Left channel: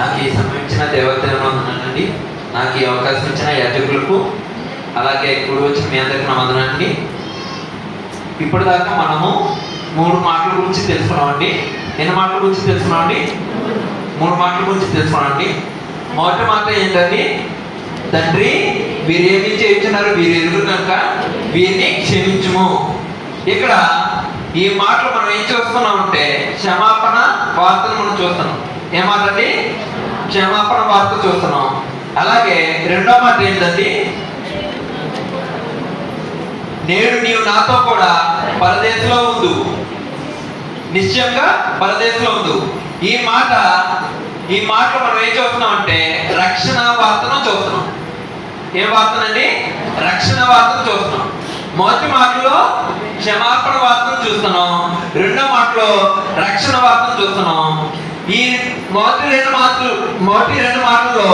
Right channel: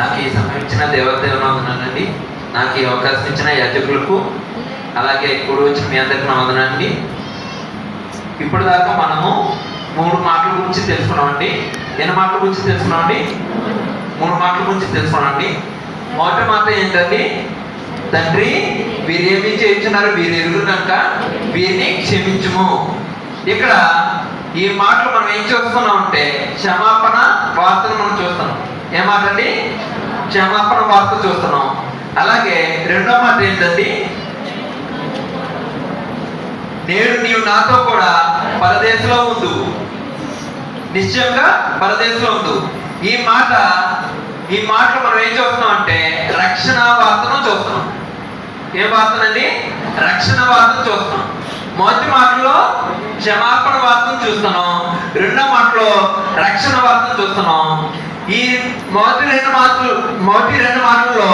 నాకు ఈ సమయం ఇచ్చిన దేవదేవుని వందనాలండి. నాకు ఈ అవకాశం ఇచ్చిన యాజకులకు అలాగే కూడి వచ్చిన మీ అందరికీ నా వందనాలండి. ఇప్పటిదాకా మనము 3 మాటల గురించి తెలుసుకున్నామండి. ఎన్ని మాటల గురించి తెలుసుకున్నామండి? 3 మాటల గురించి తెలుసుకున్నామండి. మొదటి మాట ఏంటండి? తండ్రి, వీరు ఏమి చేయించున్నారు, వీరు ఎదురు కనుక వీరిని క్షమించుము. ఇక్కడ ఈ మాటలు మనం ఏం చూస్తున్నాం అంటే క్షమాపణ వార్తను మనం చూస్తున్నాం. ఏ మాట అండి? క్షమాపణ వార్త చూస్తున్నాం. అలాగే రెండో మాట ఏంటండి? నేడు నీవు నాతో కూడా పరదేశంలో ఉండు, నిశ్చయంగా పరదేశంలో ఉండు. ఈ మాటలు మనం ఏం చూస్తున్నాం అంటే రక్షణ వార్తను చూస్తున్నాం. ఏం వార్తనండి? రక్షణ వార్తను చూస్తున్నాం. మొదటి మాటలో క్షమాపణ వార్తను చూస్తున్నాం, రెండో మాటలో రక్షణ వార్తను చూస్తున్నాం. ఈ మొదటి రెండు మాటల్లో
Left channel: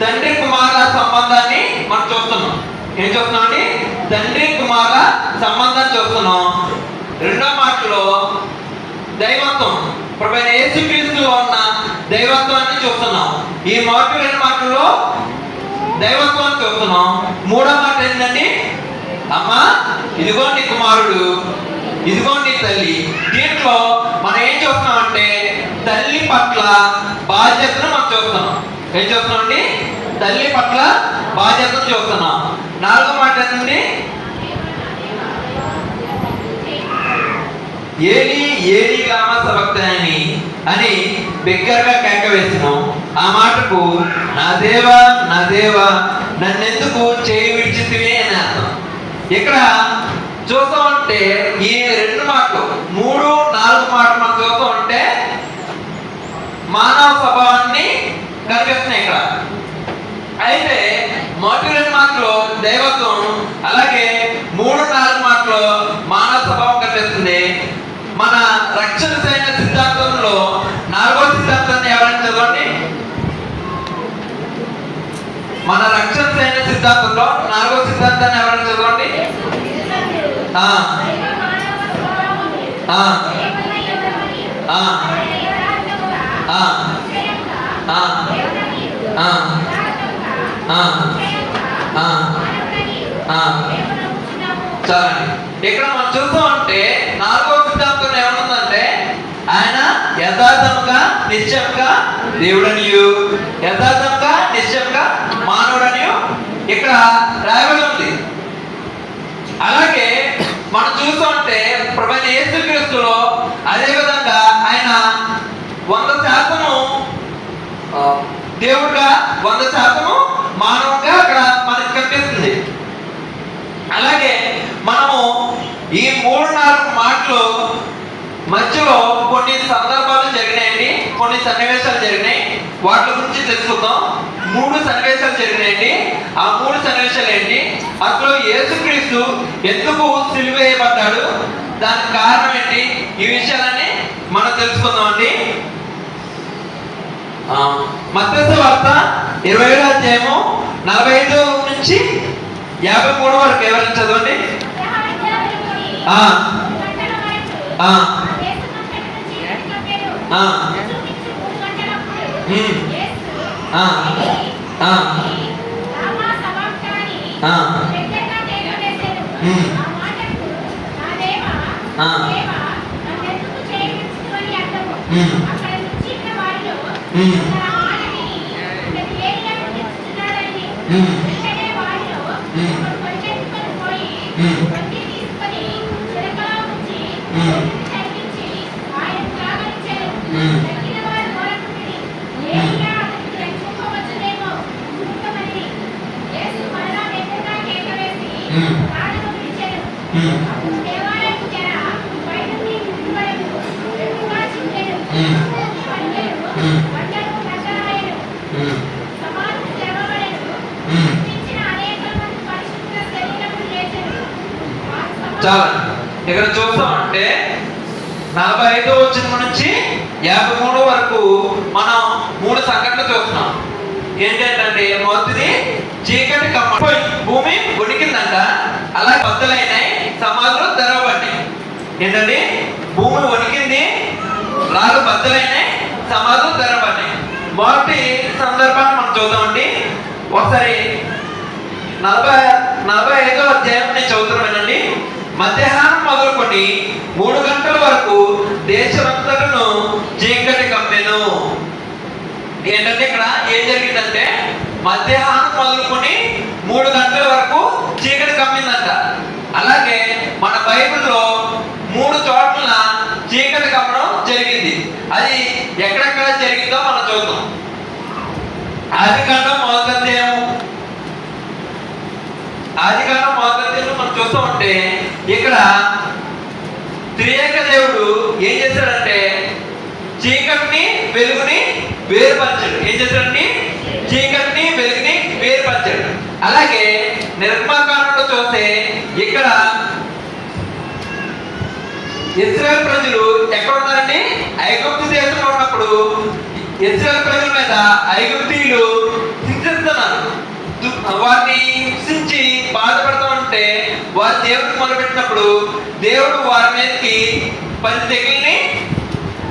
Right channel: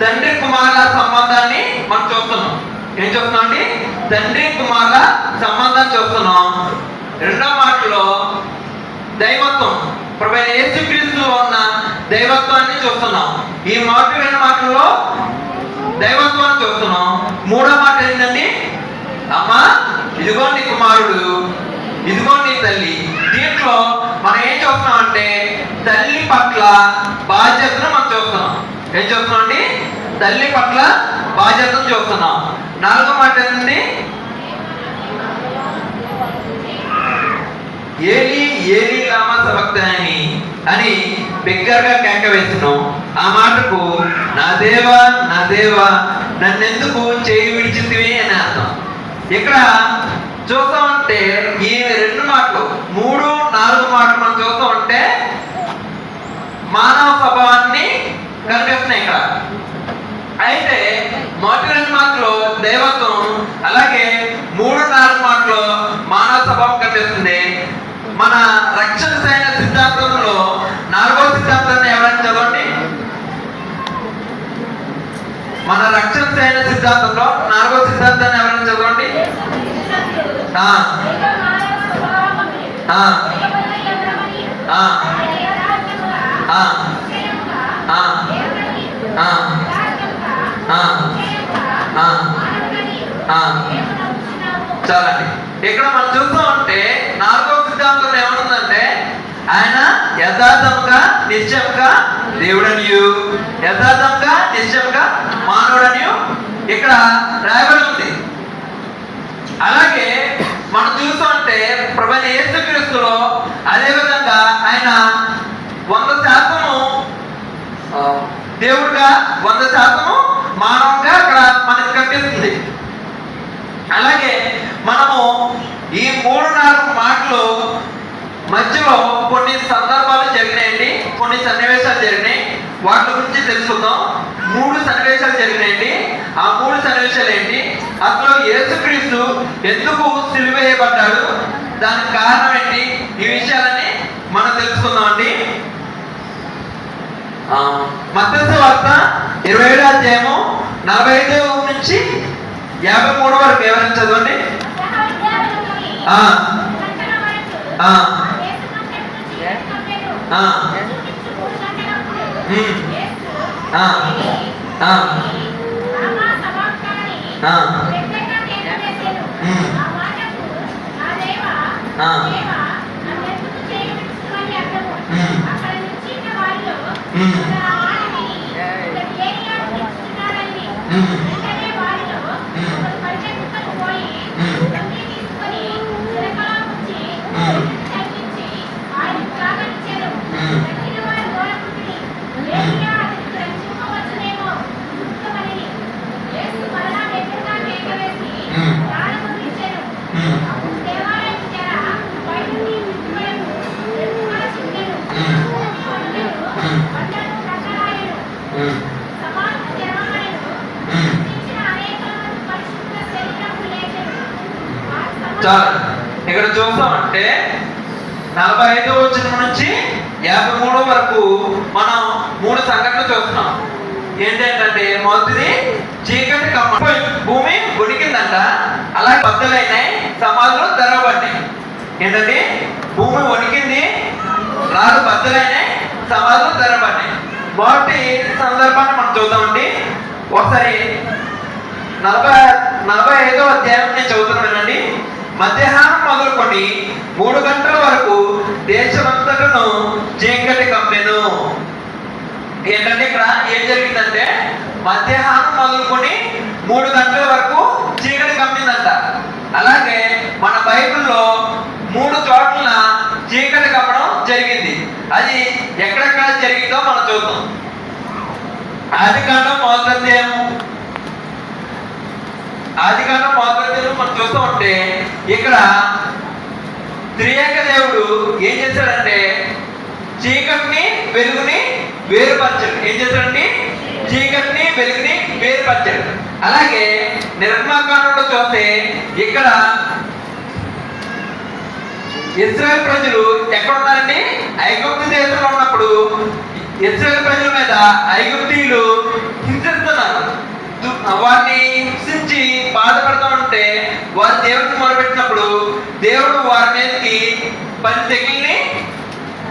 తండ్రి కుమారుల సంబంధాన్ని మనం చూస్తున్నాం. ఏం చూస్తున్నాం అండి? తండ్రి కుమారుల సంబంధాన్ని చూస్తున్నాం. రెండో మాటలో దైవత్వం, ప్రభువైన యేసుక్రీస్తులో ఉన్న దైవత్వాన్ని చూస్తున్నాం. ఈ మొదటి 2 మాటల్లో దైవత్వాన్ని చూస్తున్నాం. మూడో మాట ఏంటండి? అమ్మా, ఇదిగో నీ కుమారుడు, ఇదిగో నీ తల్లి. దీంట్లో మనం ఏం చూస్తున్నాం అంటే తల్లి పట్ల బాధ్యతను మనం చూస్తున్నాం. ఏం చూస్తున్నాం అండి? తల్లి పట్ల బాధ్యతను చూస్తున్నాం. నాలుగో మాట ఏంటండి? ఏలి లామా సబక్తనీ అని బిగ్గరగా కేక వేసిను. ఆ మాటకు నా దేవా నన్నెందుకు చేయి విడిచితివి అని అర్థం. ఇక్కడ చూస్తామంటే ఈ 2 మాటలు 3, 4 మాటలు మనం చూస్తూ ఉంటే మానవ స్వభావాన్ని కనిపిస్తున్నాయి ఇక్కడ. అయితే మొదటి 2 మాటలు దైవత్వం, అలాగే 3, 4 మాటలు మానవ స్వభావం కనిపిస్తుంది. మన రక్షణ సైన్య సిద్ధాంతంలో 4వ సిద్ధాంతాన్ని ఎవరైనా చదవండి. మన రక్షణ సైన్య సిద్ధాంతంలో 4వ సిద్ధాంతాన్ని ఎవరైనా చదవండి. చాలండి. ఇక్కడ మనం చూస్తూ ఉంటే 4వ సిద్ధాంతంలో ఏమనుందంటే ఆయన యథార్థంగా నిశ్చయంగా దేవుడనియు, యథార్థంగా నిశ్చయంగా మానవుడనియు ఇక్కడ రాయబడి ఉంది. అలాగే మనం చూస్తూ ఉంటే ప్రభువైన యేసుక్రీస్తులో అదే విధంగా ఆయన 100% దేవుడుగా 100% మానవుగా అక్కడ మనకు కనిపిస్తుంది. అలాగే మనము ఈ 3, 4 మాటలు మధ్యలో కొన్ని సందర్భాలు జరిగినాయండి, కొన్ని సన్నివేశాలు జరిగినాయి. వాటి గురించి తెలుసుకుందాం. 3 సన్నివేశాలు జరిగినాయండి. ఆ 3 సన్నివేశాలు ఏంటి? అసలు యేసుక్రీస్తు ఎందుకు సిలువ వేయబడ్డాడు, దానికి కారణం ఏంటి? ఈ విషయాలన్నీ మనం తెలుసుకుందాం అండి. మత్తయి సువార్త 27వ అధ్యాయము 45 నుంచి 53 వరకు ఎవరైనా చదవండి. చాలా ఇక్కడ చూస్తామంటే 45వ వచనం నుంచి 53 వరకు మనం 3 సంఘటనలు చూస్తున్నాం. ఏంటంటే మొదటిది చీకటి భూమి ఉడికిందంట, అలాగే బద్దలైనాయి, సమాధులు తెరవబడ్డాయి. ఏంటండి? భూమి వణికింది, రాళ్ళు బద్దలైనాయి, సమాధులు తెరపడినాయి. మొదటి సందర్భాన్ని మనం చూద్దామండి. ఒకసారి 45వ అధ్యాయం నేను చదువుతున్నానండి. మధ్యాహ్నం మొదలుకొని 3 గంటల వరకు దేశమంతటను చీకటి కమ్మెను. ఏంటంటే ఇక్కడ ఏం జరిగిందంటే మధ్యాహ్నం మొదలుకొని 3 గంటల వరకు చీకటి కమ్మిందంట. అలాగే మన బైబిల్లో 3 చోట్ల చీకటి కమ్మడం జరిగింది. అది ఎక్కడెక్కడ జరిగిందో మనం చూద్దాం. ఆదికాండం మొదటి అధ్యాయం మనం చూస్తూ ఉంటే ఇక్కడ త్రియేక దేవుడు ఏం చేశాడంటే చీకటిని వెలుగుని వేరుపరచాడు. ఏం చేశాడండి? చీకటిని వెలుగుని వేరుపరచాడు. అలాగే నిర్మాకాండంలో చూస్తే ఇక్కడ ఇశ్రాయేల్ ప్రజలు ఎక్కడ ఉన్నారండి? ఐగుప్తు దేశంలో ఉన్నప్పుడు ఇశ్రాయేల్ ప్రజల మీద ఐగుప్తీయులు హింసిస్తున్నారు. వారిని హింసించి బాధపడుతూ ఉంటే వారు దేవుడికి మొదలుపెట్టినప్పుడు దేవుడు వారి మీదకి 10 తెగుల్ని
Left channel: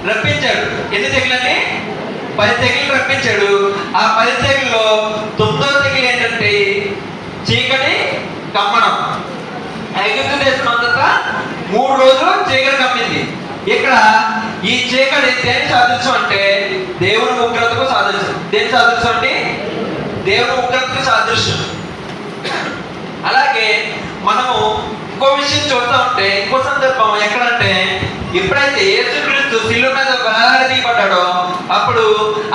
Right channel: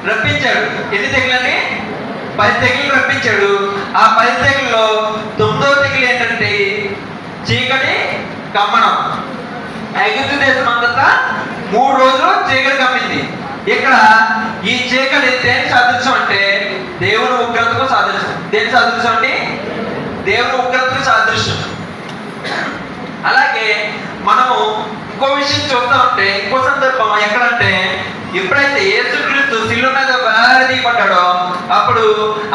రప్పించాడు. ఎన్ని తెగులండి? 10 తెగులు రప్పించాడు. ఆ 10 తెగుల్లో 9వ తెగులు ఏంటంటే చీకటి కమ్మడం. ఐగుప్తు దేశం అంతా 3 రోజులు చీకటి కమ్మింది. ఇక్కడ ఈ చీకటి దేని సాదృశ్యం అంటే దేవుని ఉగ్రతకు సాదృశ్యం. దేని సాదృశ్యం అండి? దేవుని ఉగ్రతకు సాదృశ్యం. అలాగే మనము ఇంకో విషయం చూస్తూ ఉంటే ఇంకో సందర్భం ఎక్కడంటే ఎప్పుడైతే యేసుక్రీస్తు శిలువ మీద వేలాడదీయబడ్డాడో అప్పుడు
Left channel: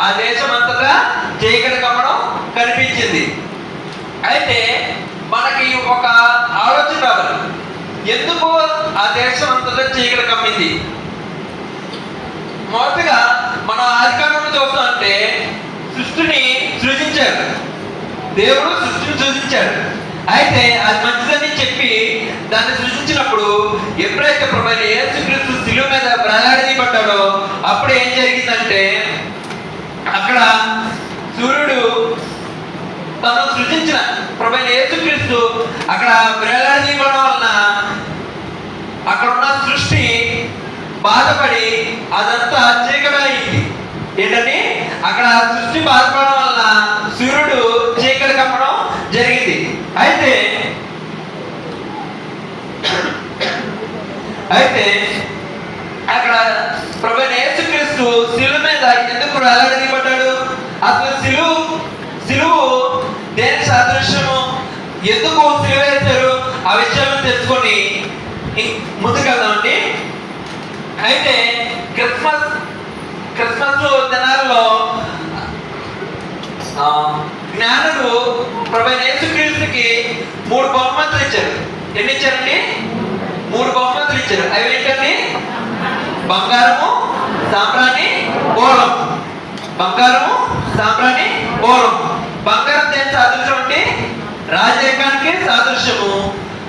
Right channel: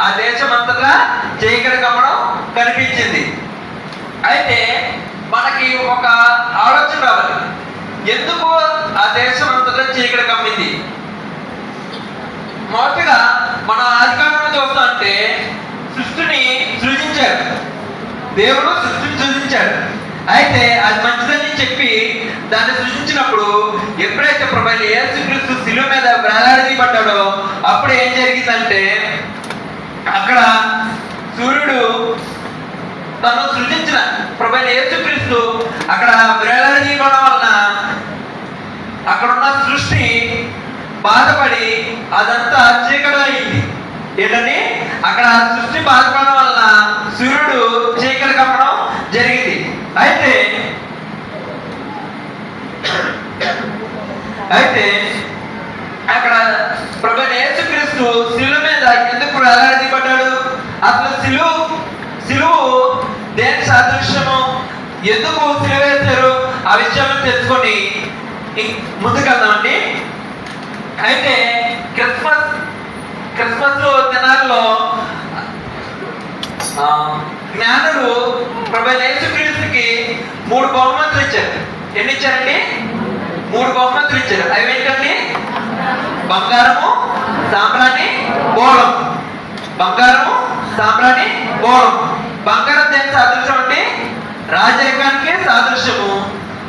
ఆ దేశం అంతటా చీకటి కమ్మడం కనిపించింది. అయితే మనకి ఒక ఆలోచన రావాలి, ఎందుకు ఆ దేశం అంతటా చీకటి కమ్మింది? మొదటగా మన ఆదికాండంలో చూస్తా అంటే సృష్టిని సృజించాడు. దేవుడు సృష్టిని సృజించాడు. అయితే అది మంచిదని చెప్పి దాన్ని సృష్టించినప్పుడు ఎప్పుడైతే ప్రభువైన యేసుక్రీస్తు శిలువ మీద వేలాడదీయబడ్డాడో అప్పుడు ఏం జరిగిందంటే అక్కడ సూర్యుడు తను సృజించిన ప్రభువైన యేసుక్రీస్తు అక్కడ వేలాడదీయబడడం వలన అక్కడున్న సృష్టి బాధపడి అదంతా చీకటి అయింది. ఏంటంటే అక్కడ సృష్టి బాధపడడం వలన సూర్యుడు చీకటి కప్పడం జరిగింది. అయితే అక్కడ ప్రభువైన యేసుక్రీస్తు శిలువ మీద ఎందుకు వేలాడదీయబడ్డాడు? అసలు శిలువు దేని సాదృశ్యము? ఎందుకు శిలువ వేశారు? ఆ విషయాలను తెలుసుకొని ముందుకెళ్దామండి. అయితే క్రిస్మస్ దినాల్లో జ్ఞానులు ప్రభువైన యేసుక్రీస్తుకి 3 బహుమతులు ఇచ్చారు. ఎన్ని ఇచ్చారండి? 3 బహుమతులు ఇచ్చారు. అవి ఏంటండి? బంగారము, సాంబ్రాణి, బోరం. బంగారము, సాంబ్రాణి, బోరం. బంగారం దేని సాదృశ్యం అంటే రాజరికానికి సాదృశ్యము.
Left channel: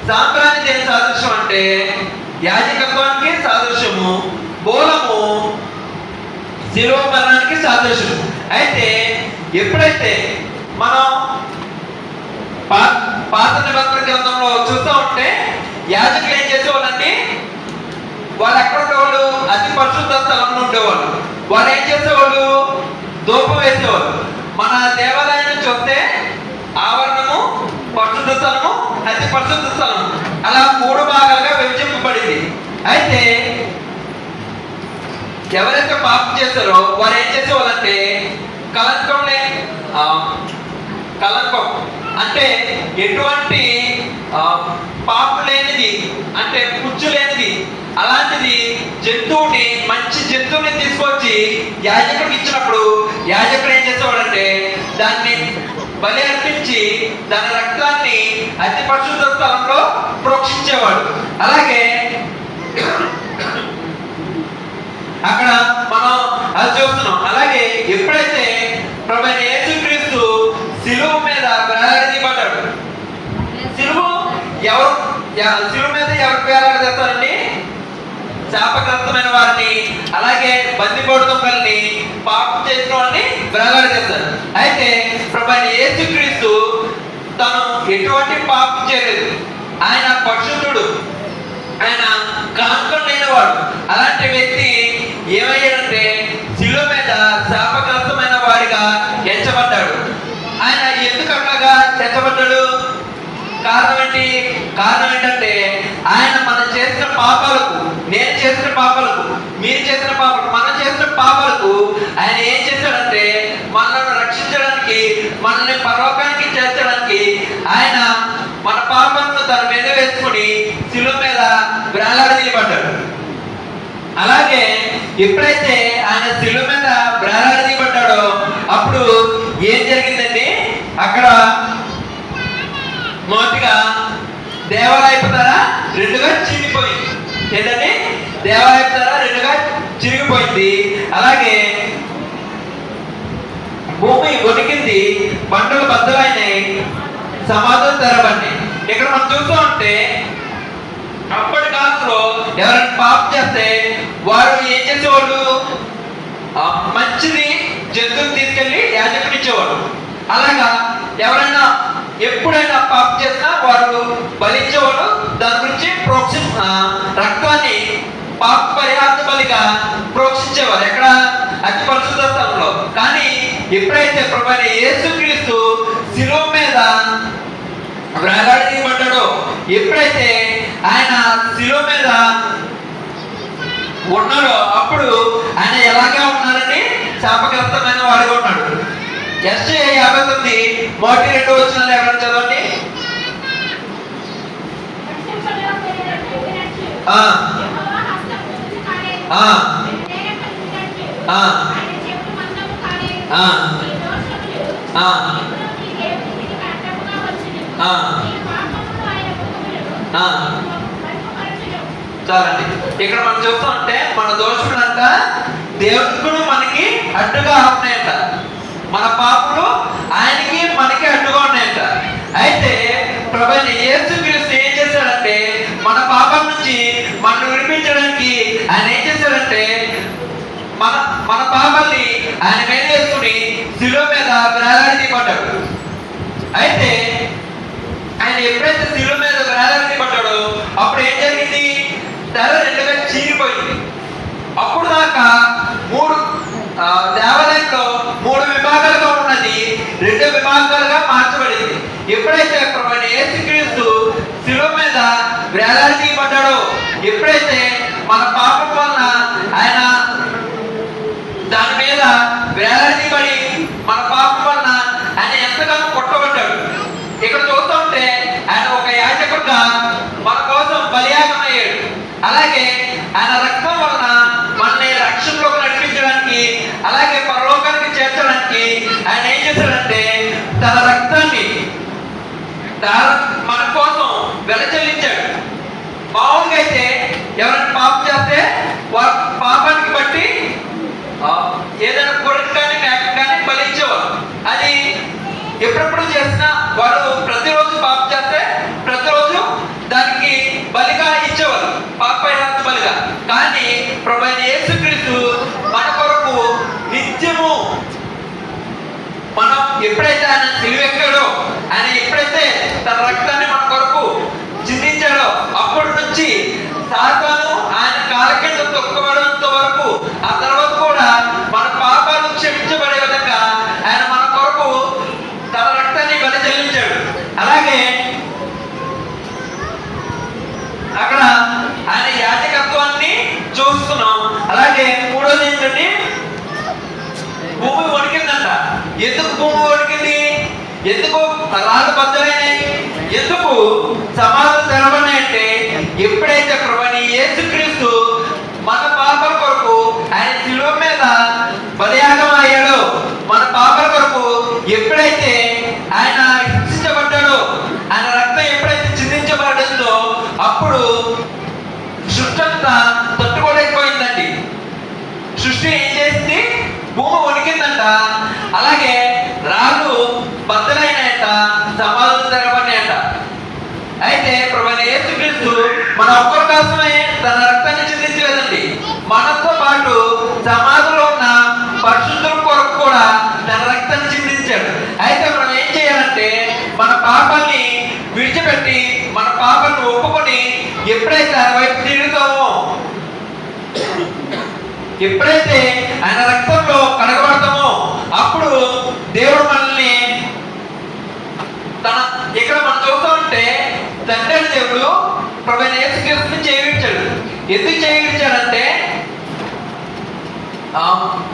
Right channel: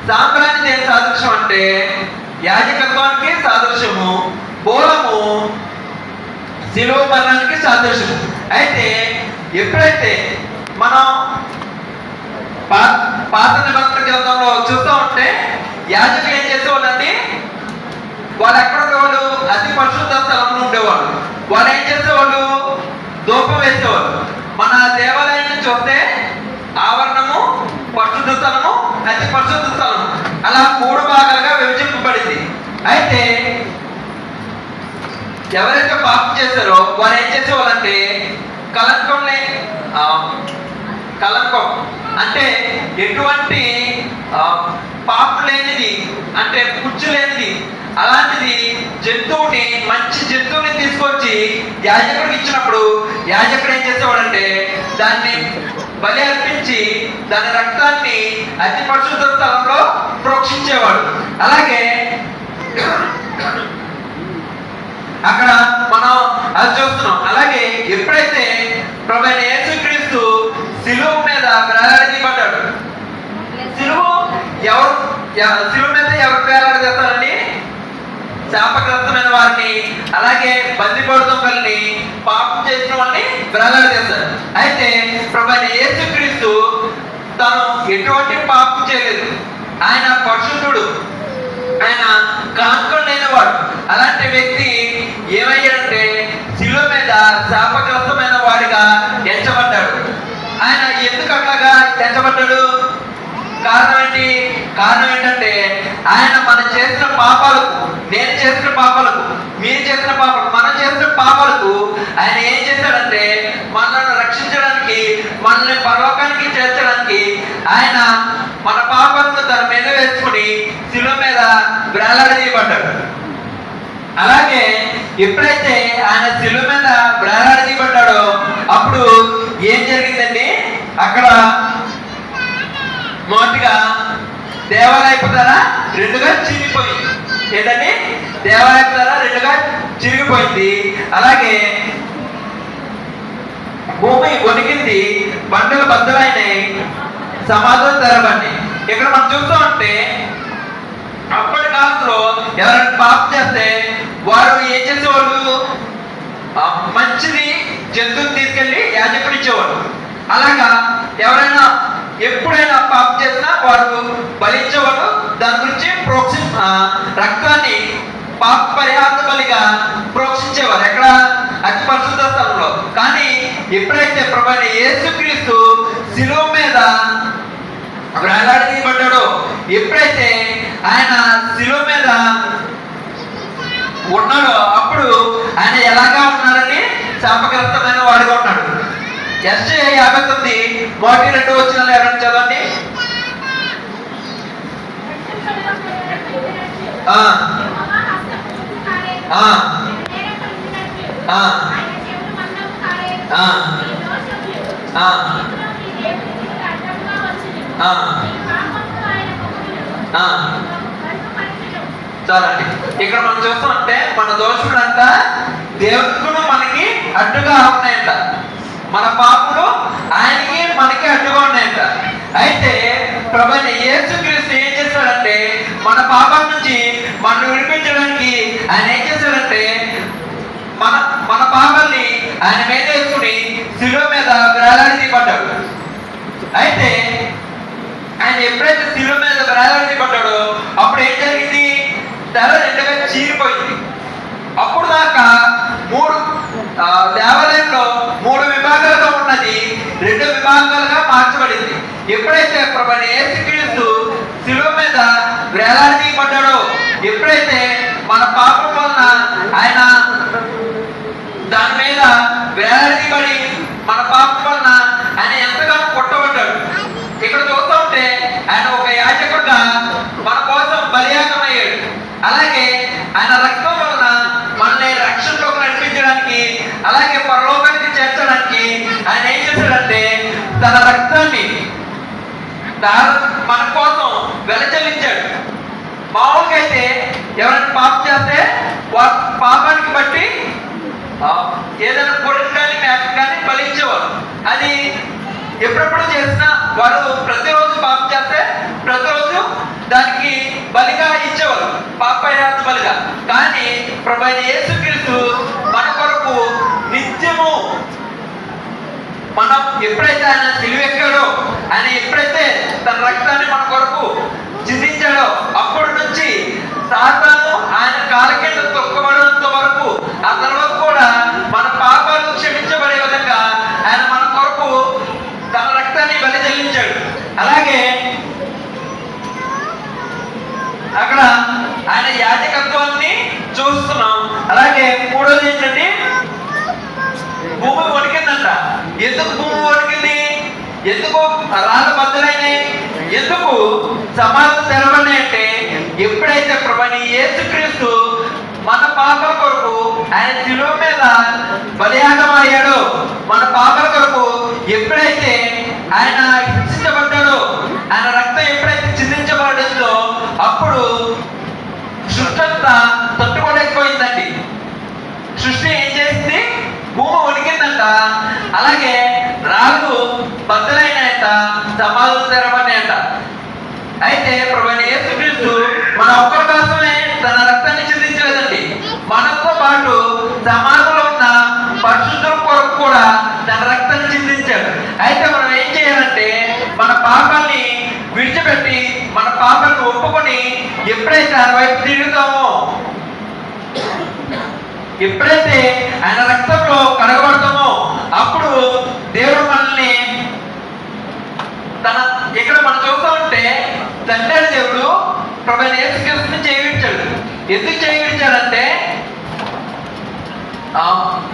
సాంబ్రాణి దేని సాదృశ్యం అంటే యాజకత్వానికి సాదృశ్యము. బోరము శిలువ మరణానికి సాదృశ్యము. అయితే ఎప్పుడైతే మనం పాత నిబంధన గ్రంథంలో చూస్తూ ఉంటే యాజకులు ఏం చేసేవాళ్ళండి? వాళ్ళు ఎక్కడ ఉండేవాళ్ళు? అతి పరిశుద్ధ స్థలంలో ఉండేవాళ్ళు. వాళ్ళు ఏం చేసేవాళ్ళు? ధూపం వేసేవాళ్ళు. మన దేవాలయాన్ని చూస్తే ఆవరణము, పరిశుద్ధ స్థలము, అతి పరిశుద్ధ స్థలము అలా 3 భాగాలుగా విభజింపబడింది. అయితే ఎవరైతే పాపం చేస్తారో వారు ఏం చేసేవాళ్ళంటే కలంకం అంటే ఎటువంటి పాపం లేనిది, అంటే పుచ్చు లేనిది, అలాంటిది జంతువుని, మంచి జంతువుని తీసుకొచ్చి యాజకుడికి ఇచ్చినప్పుడు యాజకుడు ఏం చేసేవాడంటే దాన్ని బలి అర్పించి దాని రక్తాన్ని అతి పరిశుద్ధ స్థలంలో ప్రోక్షించేవాడు. అలాగే అక్కడ మనం అది చూస్తున్నాం. అలాగే ఎప్పుడైతే ప్రభువైన యేసుక్రీస్తు శిలువ మీద వేలాడదీయబడ్డాడు, శిలువ మీద ఎవరు వేలాడదీస్తారండి? శాపగ్రస్తమైన వారిని, అలాగే బందిపోటుదొంగల్ని, పాపం చేసిన వాళ్ళని వేలాడదీస్తారు. అయితే ప్రభువైన యేసుక్రీస్తు తను ఎటువంటి పాపం చేయలేదు. ఆయన పరిశుద్ధుడు, ఆయన కానుకొని లేనివాడు. అలాంటి వ్యక్తి ఏమయ్యాడంటే శిలువ మీద కారణం ఏంటి? కారణం ఏంటంటే ఆయన మనం చేసిన పాపాలకు, నేను చేసిన పాపాలకు, మీరు చేసిన పాపాలకు, మనం చేసిన పాపాలకు ఆయన ఏం చేశాడంటే మనల్ని రక్షించడానికి, మనల్ని పరలోకానికి చేర్చడానికి ఆయన మన పాపాలను తన మీద వేసుకుని శిలువ మీద వేలాడదీయబడ్డాడు. అలాగే ఎప్పుడైతే ఆయన శిలువ మీద వేలాడదీయబడ్డాడో అప్పుడు ఏం జరిగిందండి? అక్కడ మొదటిగా దేవాలయపు ధర రెండుగా చిరిగిపోయింది. ఏంటండి? దేవాలయపు ధర రెండుగా చిరిగిపోయింది. అలాగే భూమి వణికింది, బండలు బద్దలైనాయి, సమాధులు తెరబడినాయి. ఇక్కడ మనం చూస్తూ ఉంటే అప్పటి కాలంలో ఎవరైనా పాపం చేస్తే వారు ఏం చేసేవాళ్ళు? మంచిది జంతువుని తీసుకెళ్లి యాజకుడు ఇచ్చేవాడు. అలాగా ఎవరైనా ఎప్పుడైనా పాపం చేసినా వారు బలించేవాడు. దాని గురించి రక్తాన్ని పాప పరిహార బలిగా ప్రోక్షించేవారు. ఎక్కడ? అతి పరిశుద్ధ స్థలంలో. కానీ ఎప్పుడైతే ప్రభువైన యేసుక్రీస్తు శిలువ మీద వేలాడదీయబడ్డాడో, ఎప్పుడైతే ఆయన శిలువ మీద ఉన్నాడో అప్పుడు ఆయన ఎలాగా ఉన్నాడని శాపగ్రస్తమైన వాడిగా ఉన్నాడు. యెషయా 59:1-2 ఎవరైనా చదవండి. చాలండి. ఇక్కడ మనం చూస్తామంటే మన దోషులంట దేవుడు మనకి అడ్డుగా ఉన్నాయంట, మన పాపలు ఆయనకి మనకి అడ్డుగా ఉన్నాయంట. అయితే ప్రభువైన యేసుక్రీస్తు ఏం చేశాడంటే మన పాపం నుంచి మనం విడిపించడానికి ఆయన ఏం చేశాడంటే మన పాపాన్ని ఆయన మీద వేసుకుని శిలువ మీద వేలాడదీయబడ్డాడు. అయితే ఆయన ఎప్పుడైతే శిలువ మీద వేలాడదీయబడ్డాడో అప్పుడు ఏం జరిగింది? తెర రెండుగా చీరిపోయింది. అప్పుడు దాకా దేవాలయంలో 3 విభాగాలుగా ఉన్నది 2 విభాగాలుగా మార్చబడింది. ఎప్పుడైతే ప్రభువైన యేసుక్రీస్తు శిలువ మీద వేలాడదీయబడ్డాడో, ఎప్పుడైతే మన పాపం వలన ఆయన దాని మీద వేలాడదీయబడి మన పాపం వలన ఆయన ఎంతగానో కొట్టబడ్డాడు. ఇక్కడ చూస్తూ ఉంటే ఆయన ఒక యాజకుడుగా మన కోసం బలియాగం అయ్యాడు. అలాగే ఆయన రక్తం వలన మనల్ని రక్షణలోకి నడిపించడానికి, అలాగే పరలోకానికి చేర్చడానికి ఆయన ఏం చేశాడంటే తన రక్తాన్ని మన కోసం వెలచెల్లించాడు. మామూలుగా అయితే ఎవరైనా పాపం చేస్తే వారి పాపానికి బట్టి ఏదైనా కొడుకు కానీ మేక కానీ బలించేవారు. అది ఎప్పుడెప్పుడు చేసినా వాడు ప్రతిరోజు పాపం చేస్తే ప్రతిరోజు దానికి బలిగా ఇచ్చేవారు, పాప పరిహార బలిగా. కానీ ప్రభువైన యేసుక్రీస్తు మన కొరకు నిత్యము మనం ఎప్పుడైతే ఆయన సిలువెక్కాడో, ఆయన ఎప్పుడైతే తన రక్తాన్ని మన కొరకు చిందించాడో అప్పటి నుంచి సాతాను ఆయన కాళ్ళ కింద తొక్కబడేంత వరకు, ఆ తర్వాత కూడా మన పాపాలు క్షమించబడే విధంగా ఆయన మన కొరకు తన రక్తాన్ని బలి చెల్లించాడు. అలాగే అక్కడ ఆయన యాజకత్వాన్ని చూస్తున్నాం. అలాగే మూడోది ఏంటంటే భూమి వణికిందంట. ఎందుకు భూమి వణికింది? ఎందుకు రాళ్ళు బద్దలైనాయి? ఎందుకు సమాధులు తెరబడినాయంటే ఎప్పుడైతే ప్రభువైన యేసుక్రీస్తు మన పాపల కొరకు ఆయన శిలువ మీద బలియాగం అయ్యాడో, మన పాపల కొరకు ఎప్పుడైతే ఆయన హింసించబడ్డాడో, ఆయన రక్తం ఎప్పుడైతే చిందించబడిందో అప్పుడు సృష్టి అంతా తట్టుకోలేకపోయిందండి. సృష్టి ఏం చేసింది? భూమి వణికిందంట. అలాగే రాళ్ళు బద్దలైనాయంట, సమాధులు తెరబడినాయంట. అయితే ప్రభువైన యేసుక్రీస్తు మన ఒక్కరి కోసమే తన రక్తాన్ని చిందించలేదండి, మనతో పాటు సమాధిలో ఉన్న పరిశుద్ధుల కొరకు కూడా తన రక్తాన్ని చిందించాడు. అయితే మనం ఏం చేయాలంటే మన పాపాన్ని విడిచిపెట్టి మన పాపాన్ని ఒప్పుకొని ఎప్పుడైతే ఆయన వైపు తిరుగుతామో, ఎప్పుడైతే ఆయన రక్తంలో కడగబడతామో అప్పుడు దేవుడు మనల్ని ఇక్కడ మనం చూస్తూ ఉంటే ప్రభు అయిన యేసుక్రీస్తుని చేయి విడిచాడు. ఎందుకు చేయి విడిచాడంటే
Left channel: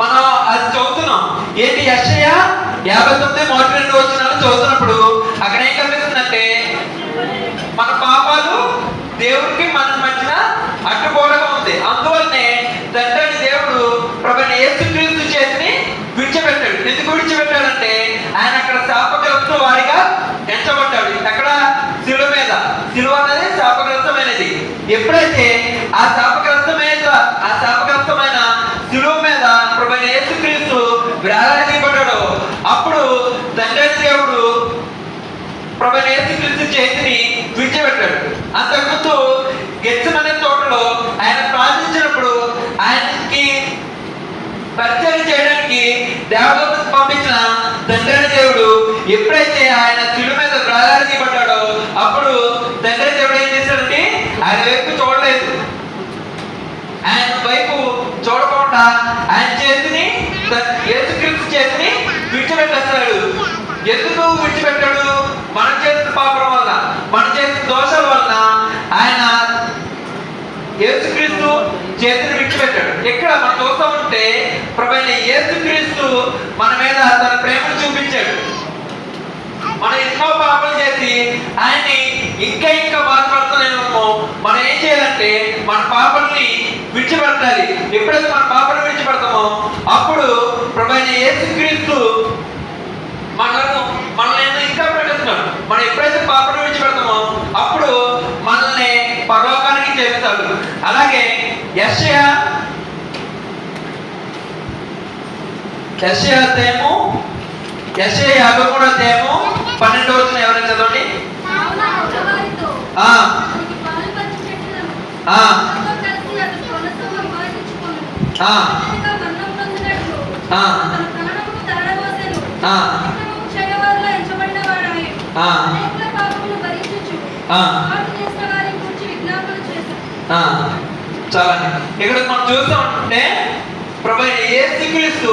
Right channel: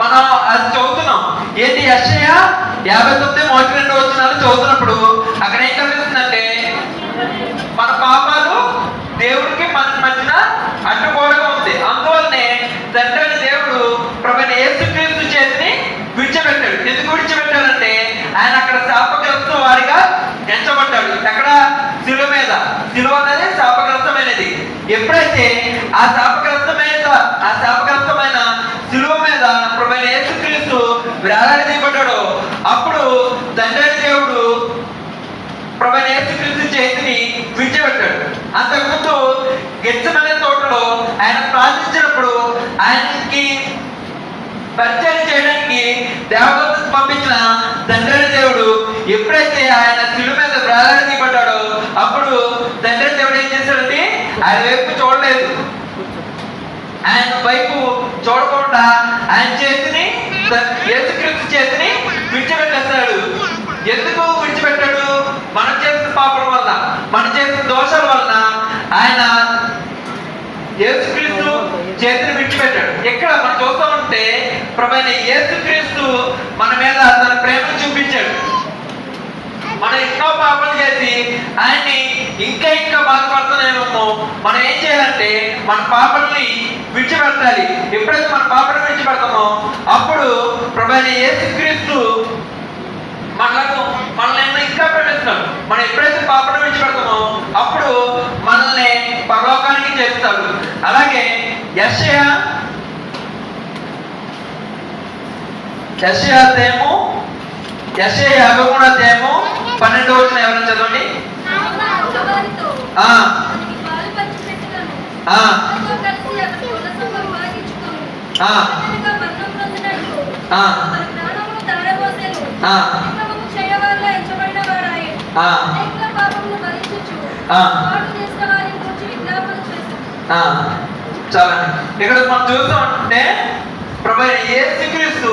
మనం అది చదువుతున్నాం. ఏంటి? యెషయా 59:1-2 చదువుతున్నప్పుడు అక్కడ ఏం కనిపిస్తుందంటే మన పాపాలు దేవుడికి మన మధ్యన అడ్డుకోవడం ఉంది. అందువల్లనే తండ్రి అయిన దేవుడు ప్రభు అయిన యేసుక్రీస్తు చేతిని విడిచిపెట్టాడు. ఎందుకు విడిచిపెట్టాడంటే ఆయన అక్కడ శాపగ్రస్త వారిగా ఎంచబడ్డాడు. ఎక్కడ? శిలువ మీద. శిలువ అనేది శాపగ్రస్తమైనది. ఎప్పుడైతే ఆ శాపగ్రస్తమైన శిలువ మీద ప్రభు అయిన యేసుక్రీస్తు వేలాడదీయబడ్డాడో అప్పుడు తండ్రి అయిన దేవుడు ప్రభు అయిన యేసుక్రీస్తు చేతిని విడిచిపెట్టాడు. అంతకుముందు గెత్సెమనే తోటలో ఆయన ప్రార్థించినప్పుడు ఆయనకి పరిచయం చేయడానికి దేవదూతను పంపించిన తండ్రి అయిన దేవుడు ఎప్పుడైతే ఆయన శిలువ మీద వేలాడదీయబడ్డాడో అప్పుడు తండ్రి అయిన దేవుడు ఏం చేశాడంటే ఆయన వైపు చూడలేదు. ఆయన వైపు చూడకుండా ఆయన చేతిని యేసుక్రీస్తు చేతిని విడిచిపెట్టేస్తాడు. ఎందుకు విడిచిపెట్టాడు? మనం చేసిన పాపం వల్ల, మనం చేసిన దోషాల వలన ఆయన యేసుక్రీస్తు చేతిని విడిచిపెట్టాడు. ఇక్కడ మనం చూస్తూ ఉంటే ప్రభు అయిన యేసుక్రీస్తు మన మీద తన ప్రేమను చూపించాడు. మనం ఎన్నో పాపాలు చేసి ఆయన్ని ఇంకా బాధపడుతున్నామేమో. మనం ఏం చేయాలంటే మన పాపల్ని విడిచిపెట్టాలి. ఎప్పుడైతే మన పాపను విడిచిపెడతామో అప్పుడు ప్రభు అయిన యేసుక్రీస్తు మనల్ని ఇంకా పెట్టేస్తున్నాడు. మనం ఎప్పుడైతే పాపను విడిచిపెడతామో అప్పుడు మనల్ని పరలోకానికి చేస్తాడు. అలాగే యెషయా 53:12 ఎవరైనా చదవండి. చాలండి. ఇక్కడ మనం చూస్తూ ఉంటే ప్రభు అయిన యేసుక్రీస్తు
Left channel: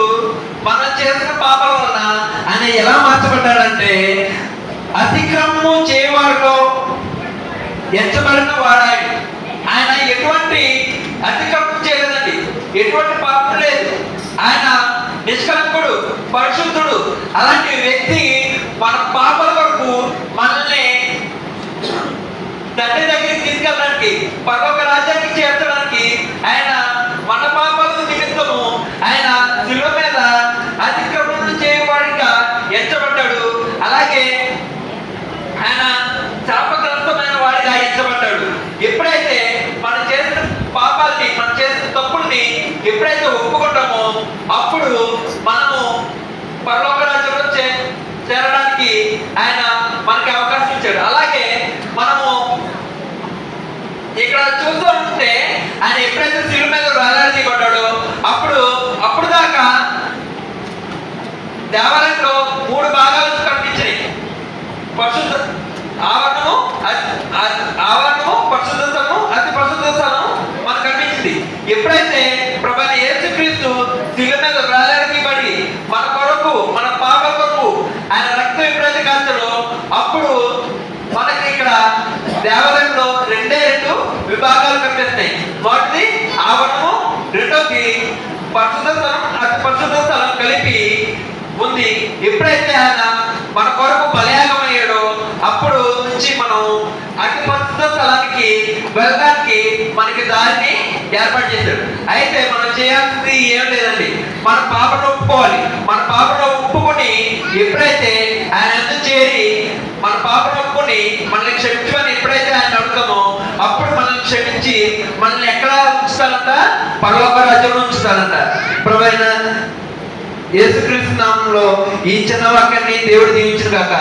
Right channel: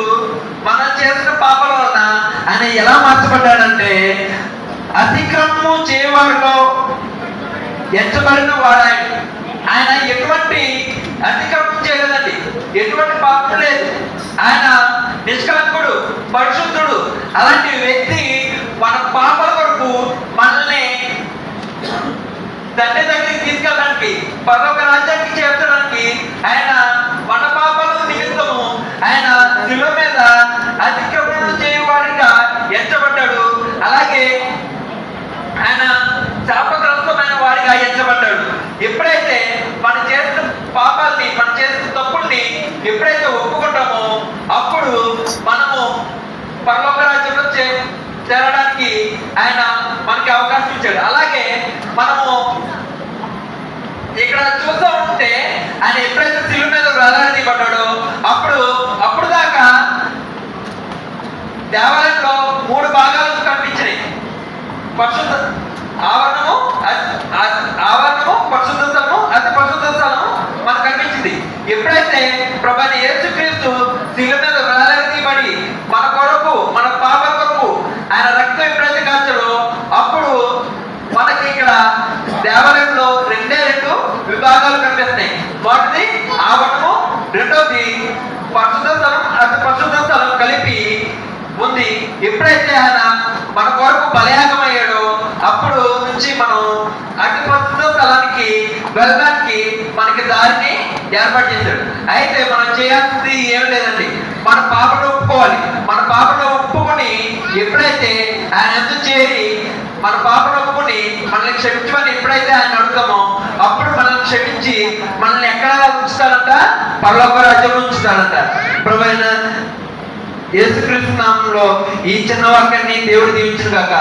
మనం చేసిన పాపాల వలన ఆయన ఎలా మార్చబడ్డాడంటే అతిక్రమము చేయవారిలో ఎంచబడిన వాడాడు. ఆయన ఎటువంటి అతిక్రమం చేయలేదండి, ఎటువంటి పాపం లేదు. ఆయన నిష్కలంకుడు, పరిశుద్ధుడు. అలాంటి వ్యక్తి మన పాపాల వరకు మనల్ని తండ్రి దగ్గరికి తీసుకెళ్ళడానికి, పరలోక రాజ్యానికి చేర్చడానికి ఆయన మన పాపాల నిమిత్తము ఆయన శిలువ మీద అతిక్రమణ చేయవాడిగా ఎంచబడ్డాడు. అలాగే ఆయన శాపగ్రస్తమైన వాడిగా ఎంచబడ్డాడు. ఎప్పుడైతే మనం చేసిన పాపాలని, మనం చేసిన తప్పుల్ని ఎప్పుడైతే ఒప్పుకుంటామో అప్పుడు మనము పరలోక రాజ్యంలో చేరడానికి ఆయన మనకి అవకాశం ఇచ్చాడు. అలాగే మనము ఇక్కడ చూస్తూ ఉంటే ఆయన ఎప్పుడైతే శిలువ మీద వేలాడదీయబడ్డాడో అప్పుడు దాకా దేవాలయంలో 3 భాగాలు కనిపించాయి. పరిశుద్ధ ఆవరణము, పరిశుద్ధ స్థలము, అతి పరిశుద్ధ స్థలము మనకు కనిపించింది. ఎప్పుడైతే ప్రభు అయిన యేసుక్రీస్తు శిలువ మీద వేలాడదీయబడి మన కొరకు, మన పాపాల కొరకు ఆయన రక్తం ఎప్పుడైతే కాల్చాడో అప్పుడు మనకి ఇక్కడ దేవాలయంలో 2 విభాగాలు కనిపిస్తాయి. మొదటిది ఆవరణము, రెండోది పరిశుద్ధ స్థలం, అతి పరిశుద్ధ స్థలం కలిపి ఉంది. ఎప్పుడైతే ఆయన మన కొరకు బలియాగం అయ్యాడో అప్పుడు నుంచి మనం అతి పరిశుద్ధ స్థలానికి వెళ్ళడానికి మనకి దారిని ఏర్పాటు చేశాడు. అయితే మనం చేయాల్సింది ఏం లేదండి, మన పాపను ఒప్పుకోవాలి. మన పాపను ఒప్పుకొని ఎప్పుడైతే ఆయన ఎందుకు చేరి మన పాపను ఒప్పుకొని మనల్ని క్షమించమని ఎప్పుడైతే ఆయన అడుగుతామో అప్పుడు మనల్ని క్షమించి మనల్ని ఎక్కడ ఉంచుతారంట? పరలోక రాజ్యంలో ఉంచుతారంట. ప్రభు అయిన యేసుక్రీస్తు నామములో ఈ చిన్న వాక్యాన్ని దేవుడు దీవించును గాక.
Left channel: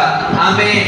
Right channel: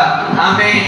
ఆమేన్.